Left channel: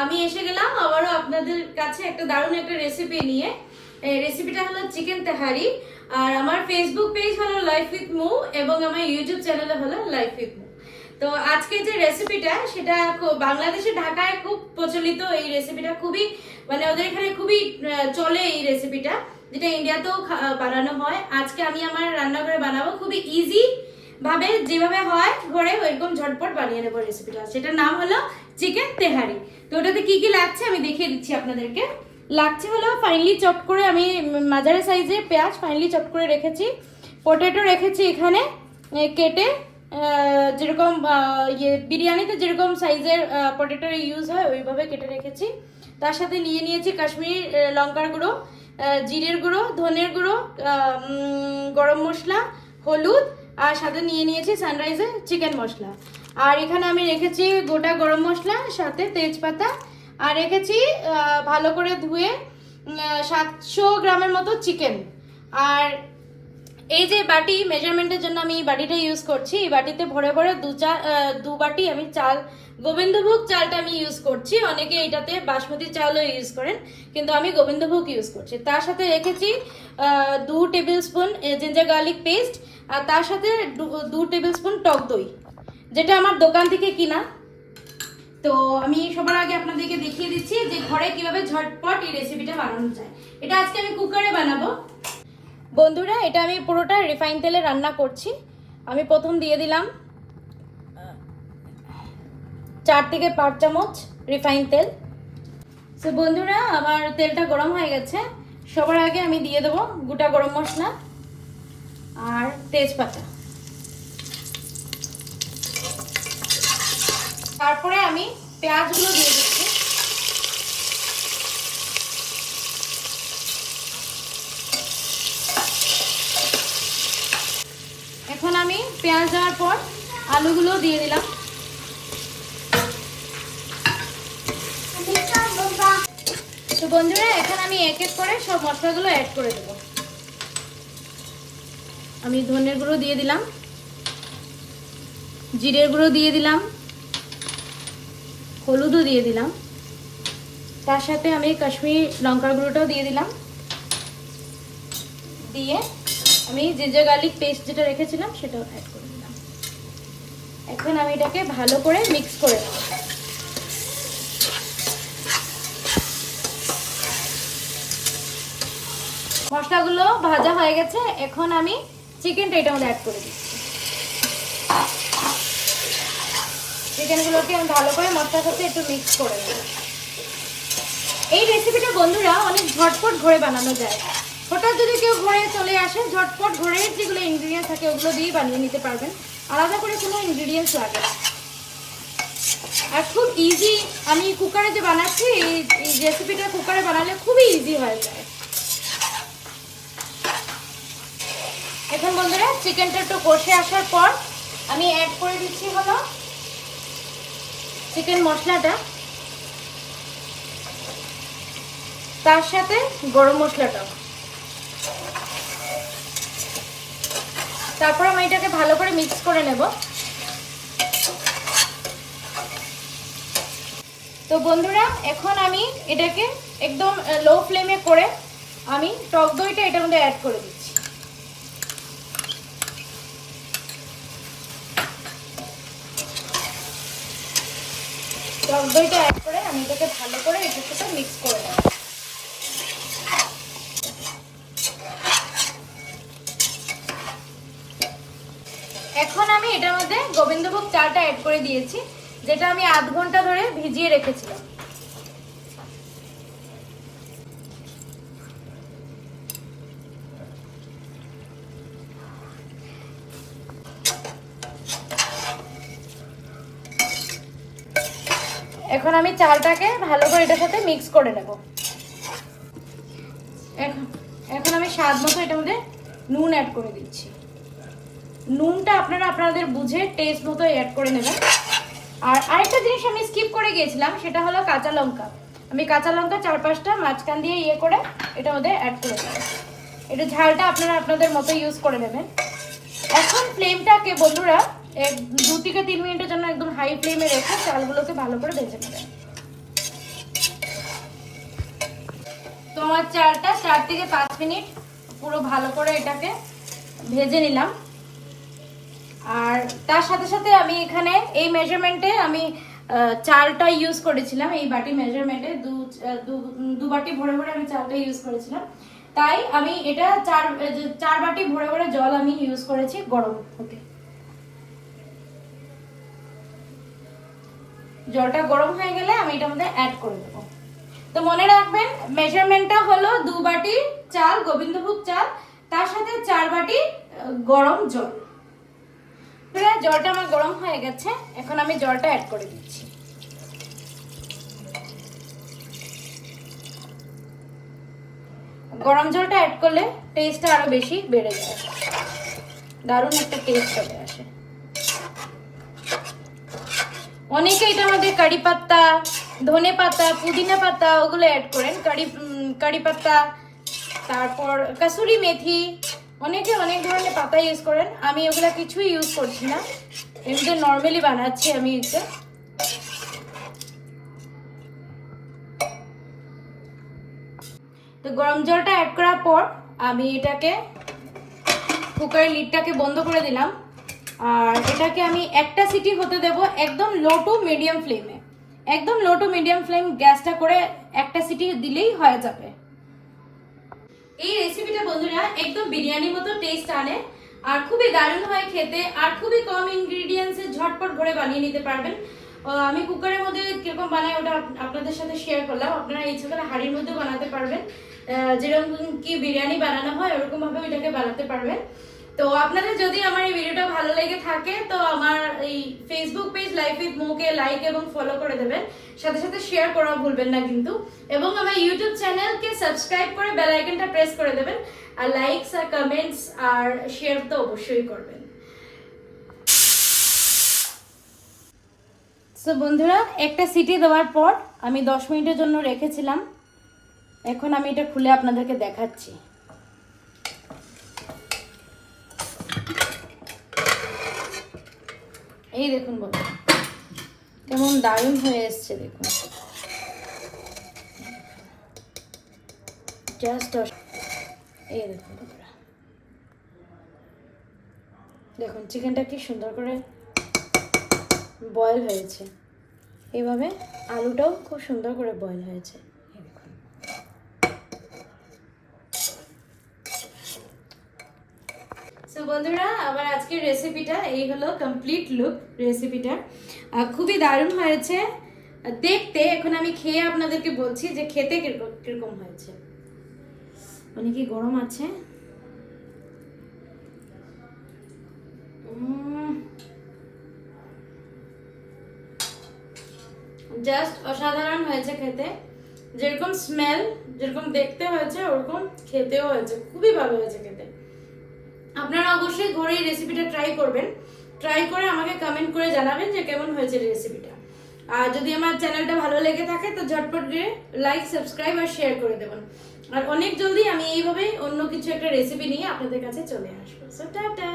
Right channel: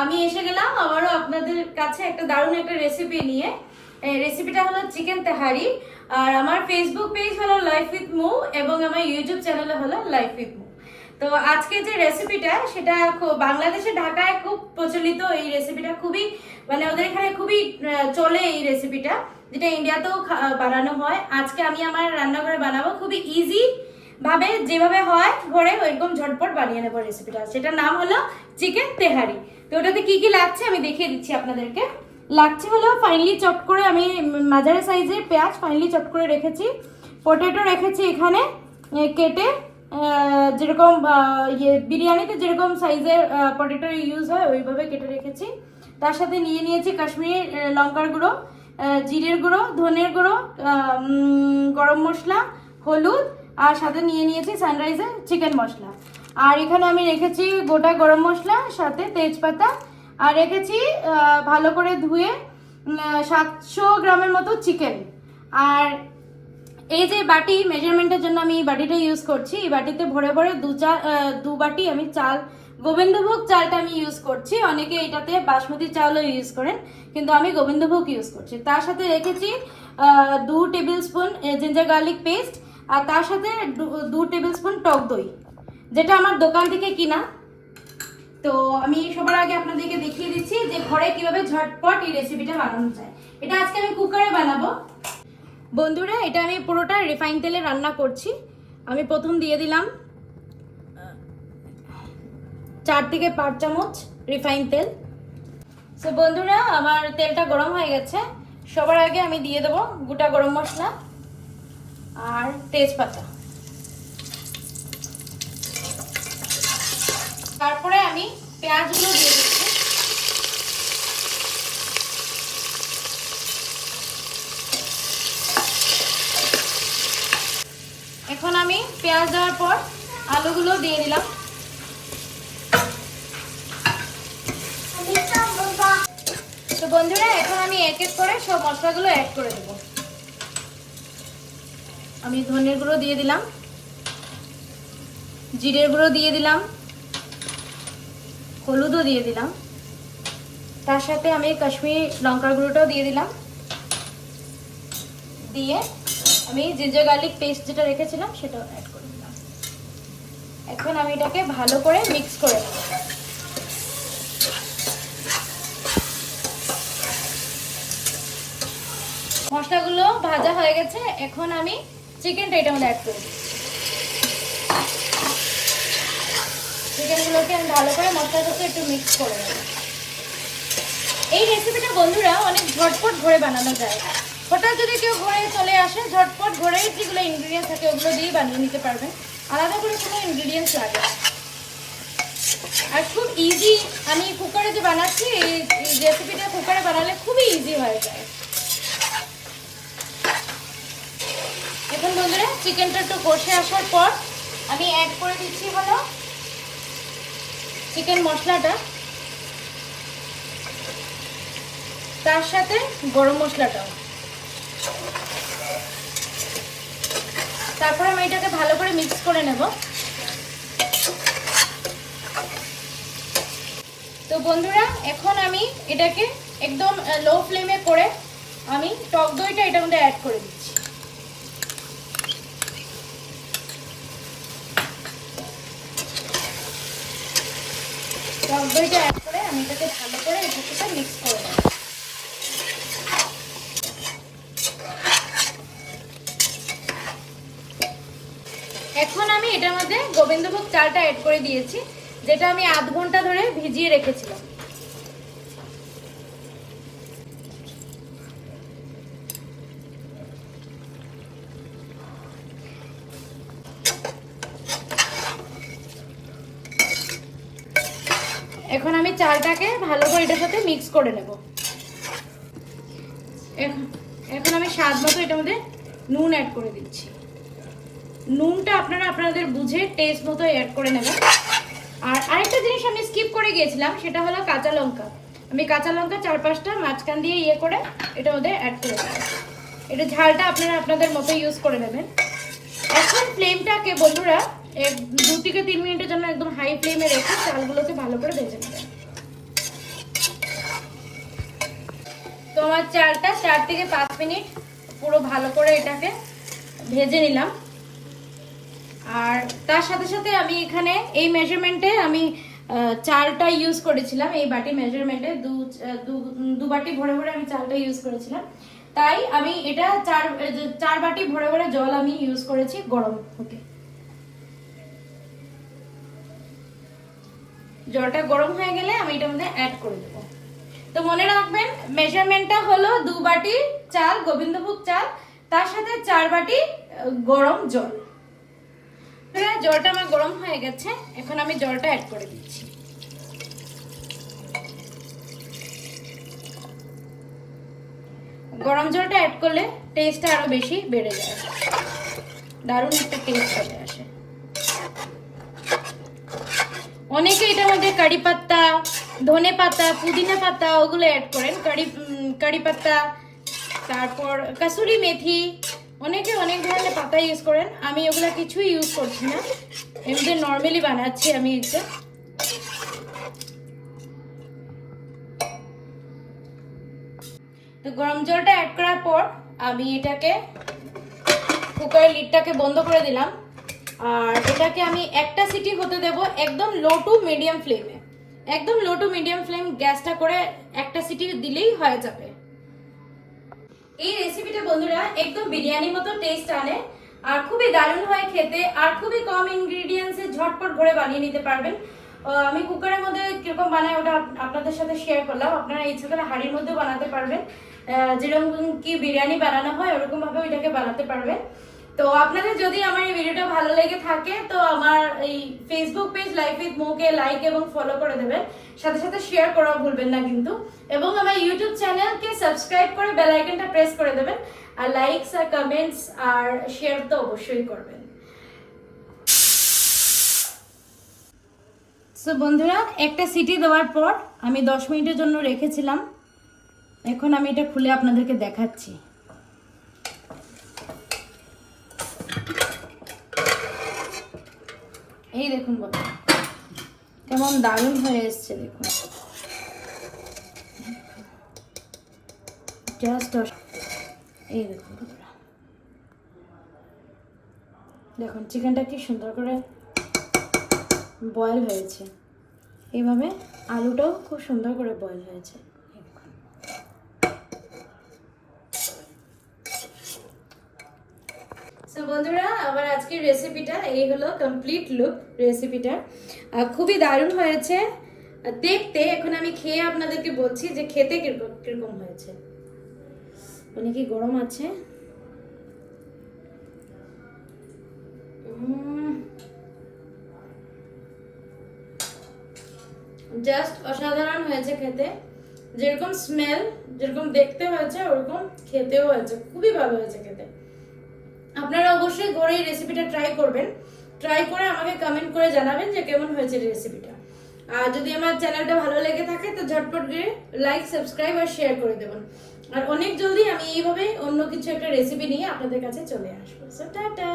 আমি এসে গেলাম আবারও আপনাদের কাছে একটা দারুণ একটা রেসিপি নিয়ে। রেসিপিটা হলো চিকেন তেহারি। আর আমার ফেসবুক পেজ হলো লাইফ উইথ মু এবং আমার ইউটিউব চ্যানেল হলো লাইফ উইথ মু। তো আজকে যে রেসিপিটা সেটা বাংলাদেশে ঢাকায় খুব প্রচলিত। এই রেসিপিটা খুবই মানে ওদের এখানে খুবই চলে এই রেসিপিটা, যেটা ইন্ডিয়াতেও বানানো হয়। আজকে আমি আমার রান্নাঘরে বানাবো, খুবই ইজি ভাবে যেভাবে হয় ঘরে ওইরকম ঝটপট বানিয়ে নেবো রেসিপিটা। সেটার নাম হলো চিকেন তেহারি। তো ওটাতে কি কি লাগছে আমি দেখিয়ে দিচ্ছি আপনাদেরকে। লাগছে হলো ফাইনলি চপ করে, আমি মাঝারি সাইজের পেঁয়াজ ফাইনলি চপ করে রেখেছি। পটেটো রেখেছি এখানে কেটে, যেরকম বিরিয়ানিতে যেরকম সাইজের পটেটো ইউজ হয় ওইভাবে কেটে রেখেছি। তার সাথে নিয়ে নিয়েছি কাশ্মীরি লঙ্কার গুঁড়ো, জিরের গুঁড়ো, ধনের গুঁড়ো, গরম মশলা, হলুদ, আর সাথে নিয়ে নিয়েছি সানরাইজের চিকেন মশলা। আর এখানে আমি রেখেছি গোটা গরম মশলা, সাথে তেজপাতা, আর রেখেছি ভালো করে ধুয়ে 700 গ্রামের মতো চিকেন। আর এই যে বাটি মেজারমেন্টের জন্য আমি এই বাটিটা ইউজ করছি। এই বাটিতে ভরে ভরে দু বাটি আমি চাল, গোবিন্দভোগ চালটা আমি ইউজ করছি। অনেকে এটাতে বাসমতি চালও ইউজ করেন, কিন্তু আমি গোবিন্দভোগ ইউজ করছি। তার সাথে রেখেছি 2 tablespoon ginger garlic paste, আর তার সাথে 2 টেবিল স্পুন টক দই, যেটা আমার দোকান থেকে কিনা। তো আমি সবার আগে আপনাদেরকে দেখিয়ে দিচ্ছি যে ঘরে কিভাবে ঝটপট এই রেসিপিটা বানানো যায়। এটা আজকে আমি কুকারে বানাবো বন্ধুরা। এটা আমি পুরোটা রিফাইন তেলে রান্না করছি। আমি প্রথম দিয়ে দিলাম 4 থেকে 5 চামচ রিফাইন তেল। তো বন্ধুরা আমার তেলটা গরম হয়ে গেছে। সবার আগে আমি দিয়ে দেবো গোটা গরম মশলা আর তেজপাতা। তারপরে আমি পেঁয়াজগুলো দিয়ে দিচ্ছি। এখন আমি পেঁয়াজ দেওয়ার পর আলুগুলো দিয়ে দিলাম। তো বন্ধুরা এখন আমি এক এক করে সব মশলাগুলো অ্যাড করে দেব। আমি ধনের গুঁড়ো দিয়ে দিলাম, জিরের গুঁড়ো দিয়ে দিলাম, হলুদও দিয়ে দিলাম, তার সাথে আমি কাশ্মীরি লঙ্কার গুঁড়োটাও দিয়ে দিলাম। দিয়ে আমি জিঞ্জার গার্লিক পেস্ট যেটা রেখেছিলাম সেটাও অ্যাড করে দিলাম। এখন আমি এটাকে ভালো করে মিক্স করে নেব। মশলাগুলো ভাজা হয়ে গেছে। এখন আমি চিকেনটা এটার মধ্যে অ্যাড করে দিচ্ছি। চিকেনগুলোকে আমি ভালো করে মশলার সাথে একটু মিক্স করে নেব। এই রেসিপিটা বন্ধুরা অনেক ঝটপট ঘরে বানানো যায়। হঠাৎ যদি কেউ ঘরে চলে আসে, ঝটপট ঘরের যেগুলো ইনগ্রিডিয়েন্টস থাকে ওগুলো দিয়ে বানিয়ে নিতে পারবেন। আলাদা করে কোনো ইনগ্রিডিয়েন্টস লাগে আর খুব ইজি। আমি কুকারে যে বানাচ্ছি, এই রেসিপিটা কুকারে বানালে খুবই ইজি হয়ে যায়। এখন বন্ধুরা চিকেনটা একটু কষে আসার পর আমি অ্যাড করে দিচ্ছি হলো চিকেন মশলাটা, তার সাথে গরম মশলাটা। তারপর আমি এটাকে ভালো করে মিক্স করে নেব। তো বন্ধুরা এখন আমি এটাকে একদম লো ফ্লেমে করে আমি টক দইটা এটার মধ্যে অ্যাড করে দিচ্ছি। টক দইটা অ্যাড করে আমি এটাকে ভালো করে এটার সাথে মিক্স করে নেব। এখন আমি এটার মধ্যে গোবিন্দভোগ চালটা অ্যাড করে দিয়েছি, যেটা আমি আধ ঘন্টা ধরে ভিজিয়ে রেখেছিলাম। এখন আমি চালটাকে ভালো করে এটার সাথে মিক্স করে নেব। এখন আমি স্বাদ মতো এটার মধ্যে নুন অ্যাড করে দিচ্ছি। নুনটা আপনারা আপনাদের বুঝে টেস্ট মতো অ্যাড করে নেবেন। আর আরেকটা জিনিস আমি স্কিপ করে গিয়েছিলাম, সেটা হলো কাঁচা লঙ্কা। আমি কাঁচা লঙ্কা 4-5টা মাঝখান দিয়ে করে এটার মধ্যে অ্যাড করে দেব। এটা ঝালটা আপনারা আপনাদের মতো ইউজ করে নেবেন। এখন ফ্লেমটাকে বন্ধুরা 2 থেকে 3 মিনিটের জন্য একদম হাই ফ্লেমে রেখে চালগুলোকে ভালো করে ভেজে নেবেন। হালকা 4 থেকে 5 মিনিট পুরো ভালো করে এটাকে ভেজে নিলাম। আর তার সাথে সাথে আমি এখানে এই মেজারমেন্টে আমি চালটা ইউজ করেছিলাম, এই বাটি মেজারমেন্টে দু বাটি ভরে ভরে আমি চালটা ইউজ করেছিলাম। তাই আমি এটা 4 বাটি ভরে ভরে জল আমি ইউজ করেছি গরম হতে। জলটা গরম হয়ে গেলে আমি এটার মধ্যে অ্যাড করে দেবো। তো মনে রাখবেন মেজারমেন্টটা হলো 2 বাটি চাল, গোবিন্দভোগ চাল, তার সাথে 4 বাটি গরম জল। জলটা আমার গরম হয়ে গেছে, এখন আমি জলটা অ্যাড করে দিচ্ছি। গরম জলটা অ্যাড করলে টেস্টটা আরো বেশি বেড়ে যায়, দারুণ একটা টেস্ট চলে আসে। অনেকে এটার মধ্যে কারি পাতা, ধনে পাতা, পুদিনা পাতা ওগুলো অ্যাড করেন, কারি পাতা, তারপর কাসুরি মেথি, অনেকে অনেক ধরনের পাতা ইউজ করেন। আমি ওগুলো কিছুই ইউজ করছি না, এমনি নর্মালি বানাচ্ছি আমি একটু। তো গরম জলটা অ্যাড করার পর আমি এটাকে কুকারের লিডটাকে বন্ধ করে দিলাম। আর এটাকে আমি একটা সিটি হতে দেব একদম লো টু মিডিয়াম ফ্লেমে। একদম লো টু মিডিয়াম ফ্লেম গ্যাসটা করে একটা সিটি দিলেই হয়ে যাবে। এই রেসিপিটা বন্ধুরা একদম বিরিয়ানির মতো টেস্ট আনে, আর খুবই দারুণ হয় খেতে, আর খুবই কম ইনগ্রেডিয়েন্টসে ঝটপট করে বানিয়ে নিতে পারবেন। আমি কুকারের মধ্যে কিরকম বানাই ওটা আপনাদের সাথে শেয়ার করলাম। আপনারা ইচ্ছা করে হাঁড়ির মধ্যে বানাতে পারবেন, যেরকম কি বিরিয়ানি বানানো হয় ওরকম ভাবে এটাকে বানাতে পারবেন। তো আপনাদের যদি আমার এই ভিডিওটা ভালো লেগে থাকে তো আমার এই ফেসবুক পেজ লাইফ উইথ মুকে লাইক এবং ফলো করে দেবেন, সাথে সাথে শেয়ার করা ভুলবেন না কিন্তু। এবং আমার ইউটিউব চ্যানেলকে সাবস্ক্রাইব করে বেল আইকনটা প্রেস করে দেবেন, আর লাইকস আর কমেন্টস আর শেয়ার তো অবশ্যই করবেন। সো বন্ধুরা, একটা সিটি দেওয়ার পর আমি 10 মিনিটের জন্য রেখেছিলাম। এখন আমি এটা খুলে আপনাদেরকে দেখাচ্ছি। এই দেখুন বন্ধুরা কেমন দারুণ হয়ে এসছে, দেখুন জাস্ট। এই দেখুন বন্ধুরা, দেখুন চিকেনটা কি সুন্দর করে বয়েল হয়েছে। এইভাবে আলুটাও খুব সুন্দর করে বয়েল হয়েছে। সো বন্ধুরা, আমার আজকের রেসিপিটা এই হলো কমপ্লিট লুক রেসিপিটা। খুবই দারুণ হয়েছে দেখতে। এখন আমি খেয়ে আপনাদেরকে বলছি যে খেতে কিরকম হয়েছে। অনেকে গরম আছে, জাস্ট অসাধারণ হয়েছে খেতে। যেরকম স্মেল, যেরকম দেখতে হয়েছে ওরকম খেতেও হয়েছে, খুবই ভালো হয়েছে খেতে। আপনারা অবশ্যই ঘরে এই রেসিপিটা ট্রাই করবেন, ট্রাই করে আমাকে কমেন্ট করে জানাবেন যে কেমন হয়েছে রেসিপিটা। আর যদি আমার চ্যানেলটা ভালো লেগে থাকে তো ঝটপট গিয়ে লাইক, সাবস্ক্রাইব আর শেয়ার করে দেবেন। আর অনেক জলদি আমি এইভাবে অন্য কিছু একটা রেসিপি নিয়ে আপনাদের কাছে চলে আসবো। So tata.